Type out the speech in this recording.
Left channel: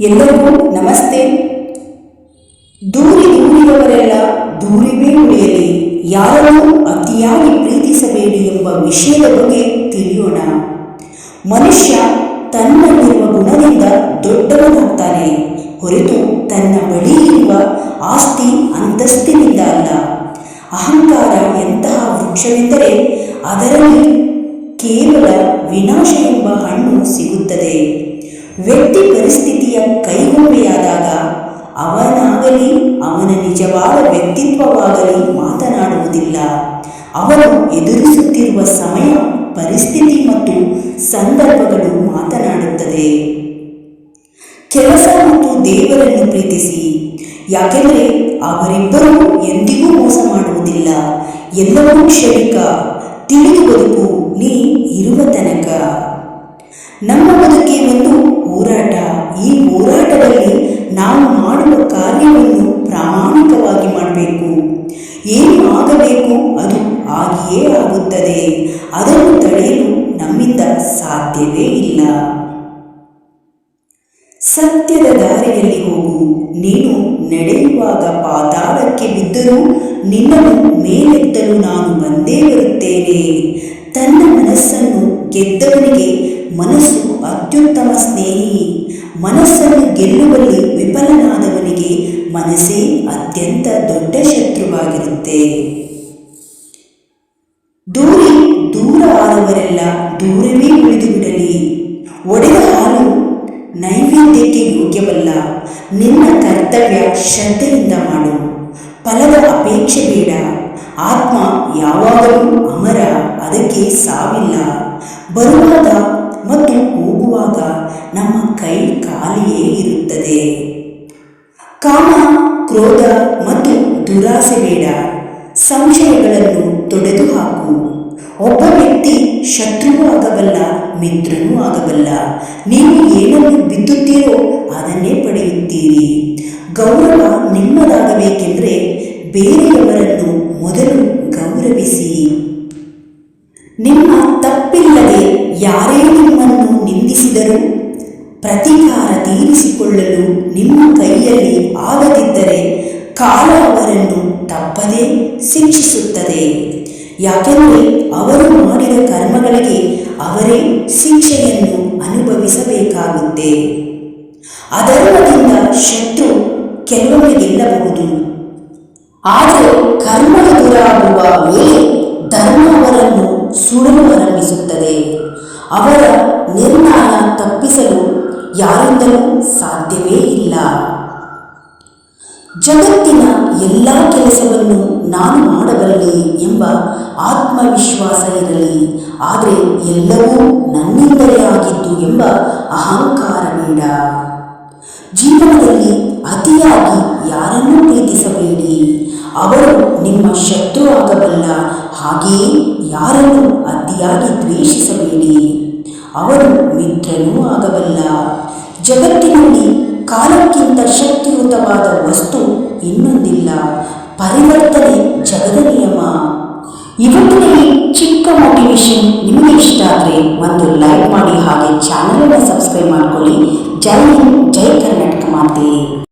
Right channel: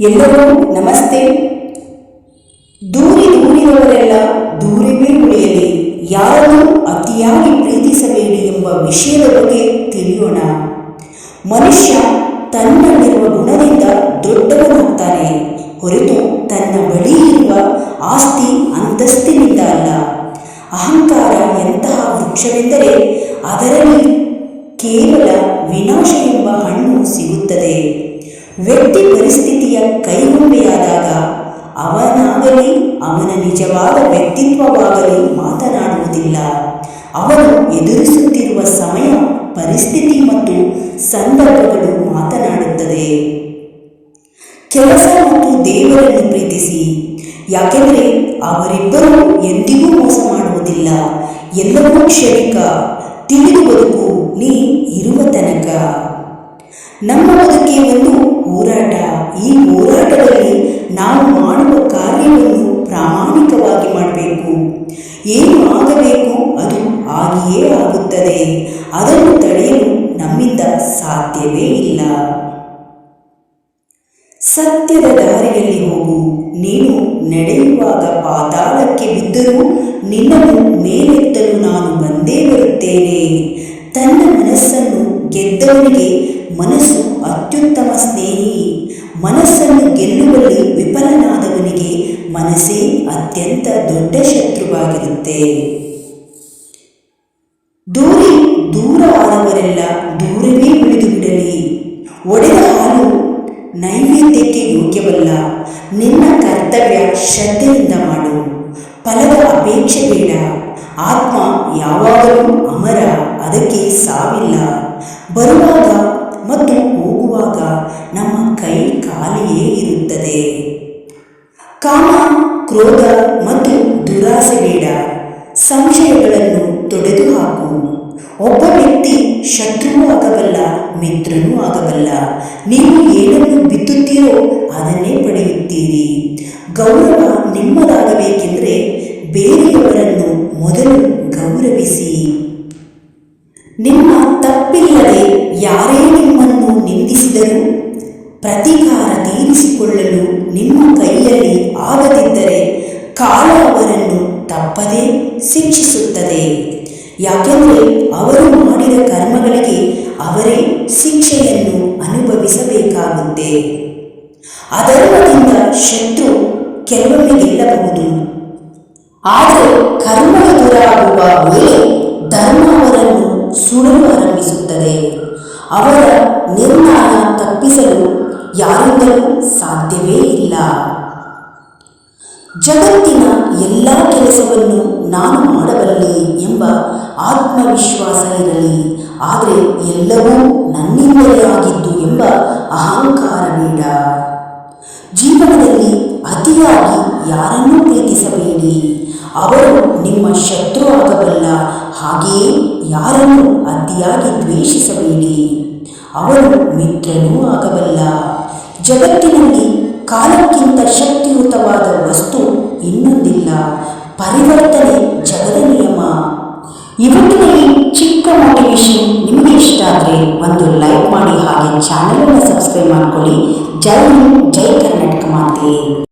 ಎಲ್ಲರಿಗೂ ನಮಸ್ತೆ. ದೂರಿ ದೂರಿದವರೆಲ್ಲ ದೂರಿವೇ ಉಳಿಯಲಿ. ಯಾರನ್ನು ಅತಿಯಾಗಿ ಪ್ರೀತಿಸಬೇಡಿ ಎಂಬ ವಿಷಯದ ಬಗ್ಗೆ ತಿಳಿಯೋಣ. ಮನುಷ್ಯ ತನ್ನಲ್ಲಿರುವ ಗುಣದಿಂದ ದೊಡ್ಡವನಾಗ್ತಾನೆ. ಹೊರತು ತನ್ನ ಬಳಿ ಇರುವ ಆಸ್ತಿ ಅಂತಸ್ತಿನಿಂದ ಅಲ್ಲ. ಅಹಂಕಾರ ಎಂತಹ ವೃಕ್ಷವೆಂದರೆ ಅದರಲ್ಲಿ ಕೇವಲ ವಿನಾಶ ಎಂಬ ಹಣ್ಣು ಸಿಗುತ್ತದೆ. ವ್ಯಕ್ತಿ ಪರಿಸ್ಥಿತಿಯ ಕೈಗೊಂಬೆಯಾದಾಗ ಅವನಾಗಲಿ, ಅವನ ನಿಜವಾದ ವ್ಯಕ್ತಿತ್ವವಾಗಲಿ ಮಾತನಾಡುವುದಿಲ್ಲ. ಅವನು ಎದುರಿಸುತ್ತಿರುವ ಸಮಯ, ಪರಿಸ್ಥಿತಿ ಮತ್ತು ಸಂದರ್ಭಗಳು ಮಾತನಾಡುತ್ತದೆ. ಕೆಲಸ ಮತ್ತು ದೇವರನ್ನು ಪ್ರೀತಿಸಿ. ಯಾಕೆಂದರೆ ಅವರಿಬ್ಬರೂ ಎಂದಿಗೂ ಮೋಸ ಮಾಡುವುದಿಲ್ಲ. ಎಲ್ಲವೂ ಕ್ಷಣಿಕ. ತಿಳಿದು ಬದುಕು. ನೀ ಇರುವ ತನಕ. ನಮ್ಮ ಬದುಕೆ ಒಂದು ಹೋರಾಟ. ಈ ಹೋರಾಟದಲ್ಲಿ ನಾವು ಮಾಡುವ ಕಾರ್ಯವನ್ನು ಪ್ರಾಮಾಣಿಕವಾಗಿ ಮಾಡಬೇಕು. ಏನು ಆಗಬೇಕು ಅದು ಆಗಿಯೇ ಆಗುತ್ತದೆ. ಅದನ್ನು ತಡೆಯಲು ನಮ್ಮಿಂದ ಸಾಧ್ಯವೇ ಇಲ್ಲ. ಸತ್ಯದ ದಾರಿಯಲ್ಲಿ ಹೋಗು. ನೀನು ನಡೆಯುವಾಗ ಪಾತಾಳಕ್ಕೆ ಬಿದ್ದರೂ ನಿನ್ನನ್ನು ಮೇಲೆತ್ತಲು ನಾನು ಬಂದೇ ಬರುತ್ತೇನೆ. ತನ್ನ ಮನಸ್ಸನ್ನು ಗೆದ್ದವನಿಗೆ ಮನಸ್ಸು ಅತ್ಯುತ್ತಮ ಸ್ನೇಹಿ. ಮನಸ್ಸನ್ನು ಗೆಲ್ಲುವಲ್ಲಿ ವಿಫಲನಾದವನಿಗೆ ಮನಸ್ಸೇ ಅತ್ಯಂತ ದೊಡ್ಡ ಶತ್ರುವಾಗಿರುತ್ತೆ. ದೂರಿ ದೂರ ಆದವರೆಲ್ಲ ದೂರವೇ ಉಳಿದು ಬಿಡಲಿ. ಒಡೆದ ಹಾಲು ನೈವೇದ್ಯಕ್ಕೆ ಯೋಗ್ಯವಲ್ಲ. ನಿನ್ನ ಕರ್ತವ್ಯ ಶ್ರದ್ಧೆಯಿಂದ ಮಾಡು. ಫಲದ ಅಪೇಕ್ಷೆ ಬೇಡ. ಆತ್ಮ ಯಾವಾಗಲೂ ಅಮರ, ಅದಕ್ಕೆ ಸಾವಿಲ್ಲ. ಬರುವಾಗ ಮತ್ತು ಹೋಗುವಾಗ ನಮ್ಮ ಕೈ ಖಾಲಿಯೇ ಇರುತ್ತದೆ. ಕಾಮ, ಕ್ರೋಧ ಮತ್ತು ದುರಾಸೆ ಬೇಡ. ಸಂಶಯಗಳನ್ನು ತೊಡೆದು ಹಾಕು ಒಬ್ಬ ವ್ಯಕ್ತಿ ಶತ್ರುವೂ ಆಗಬಲ್ಲ, ಮಿತ್ರನೂ ಆಗಬಲ್ಲ. ನೀವು ಏನನ್ನು ಬಿತ್ತುತ್ತೀರೋ ಅದನ್ನೇ ಪಡೆಯುತ್ತೀರಿ. ಗೌರವ ನಿಮ್ಮದಾಗಬೇಕೆಂದರೆ ಬೇರೆಯವರನ್ನು ಮೊದಲು ಗೌರವಿಸಿ. ನಿಮ್ಮ ತಪ್ಪಿಲ್ಲದೆ ಯಾರೇ ನಿಮ್ಮನ್ನು ನಿಂದಿಸಿದರೂ, ಪ್ರತಿಕಾರ ತೀರಿಸಿಕೊಳ್ಳಲು ನಿಮ್ಮ ಕೈಯಲ್ಲಿ ಆಗದಿದ್ದರೆ ಕಾಲ ಅವರನ್ನು ತಪ್ಪದೇ ಶಿಕ್ಷಿಸುತ್ತದೆ. ಯಾಕೆಂದರೆ ಅವರು ಮಾಡಿದ ಕರ್ಮಗಳಿಗೆ ಅವರೇ ಶಿಕ್ಷೆಯನ್ನು ಅನುಭವಿಸಬೇಕಾಗುತ್ತೆ. ಅಧರ್ಮದಿಂದ ಶತ್ರು ಕೆಲವೊಮ್ಮೆ ಗೆಲ್ಲಬಹುದು. ಆದರೆ ಕರ್ಮ ಎದುರಾಗುವ ವೇಳೆ ಧರ್ಮ ಅವರನ್ನು ಸುಡಲು ಆರಂಭಿಸುತ್ತದೆ. ಅವರ ನಿರ್ಣಯ ತಪ್ಪಿಸಲು ಯಾರಿಂದಲೂ ಸಾಧ್ಯವೇ ಇಲ್ಲ. ಜಗತ್ತಿನ ಎಲ್ಲ ಕೆಲಸವನ್ನು ನಾನು ಮಾಡಬಲ್ಲೆ ಎಂಬ ಆತ್ಮವಿಶ್ವಾಸ ಇರಲಿ, ಆದರೆ ಎಲ್ಲವೂ ನನ್ನಿಂದಲೇ ಆಗಿದ್ದು ಎಂಬ ಅಹಂಕಾರ ಬೇಡ. ಜೀವನದಲ್ಲಿ ಅತಿಯಾಗಿ ಯಾರನ್ನೂ ಪ್ರೀತಿಸಬೇಡಿ. ಅವರು ನಿಮ್ಮ ಶತ್ರು ಆಗಬಲ್ಲ ಹಾಗೆಯೇ ಯಾರನ್ನು ಅತಿಯಾಗಿ ದ್ವೇಷಿಸಬೇಡಿ. ಅವರು ಮಿತ್ರನೂ ಆಗಬಲ್ಲ. ಜಗತ್ತಿನಲ್ಲಿ ಕಾಲಕ್ಕಿಂತ ಶಕ್ತಿಯುತವಾದ ವಸ್ತು ಇನ್ನೊಂದಿಲ್ಲ, ಪರಿವರ್ತನೆ ಜಗದ ನಿಯಮ. ಇವತ್ತಿನ ಈ ಚಿಕ್ಕ ಮೋಟಿವೇಶನ್ ನಿಮಗೆ ಇಷ್ಟ ಆದರೆ ಒಂದು ಲೈಕ್ ಮಾಡಿ ಹಾಗೆ ಚಾನಲನ್ನು ಸಬ್ಸ್ಕ್ರೈಬ್ ಮಾಡ್ಕೊಳ್ಳಿ. ಜೈ ಹಿಂದ್, ಜೈ ಕರ್ನಾಟಕ ಮಾತೆ.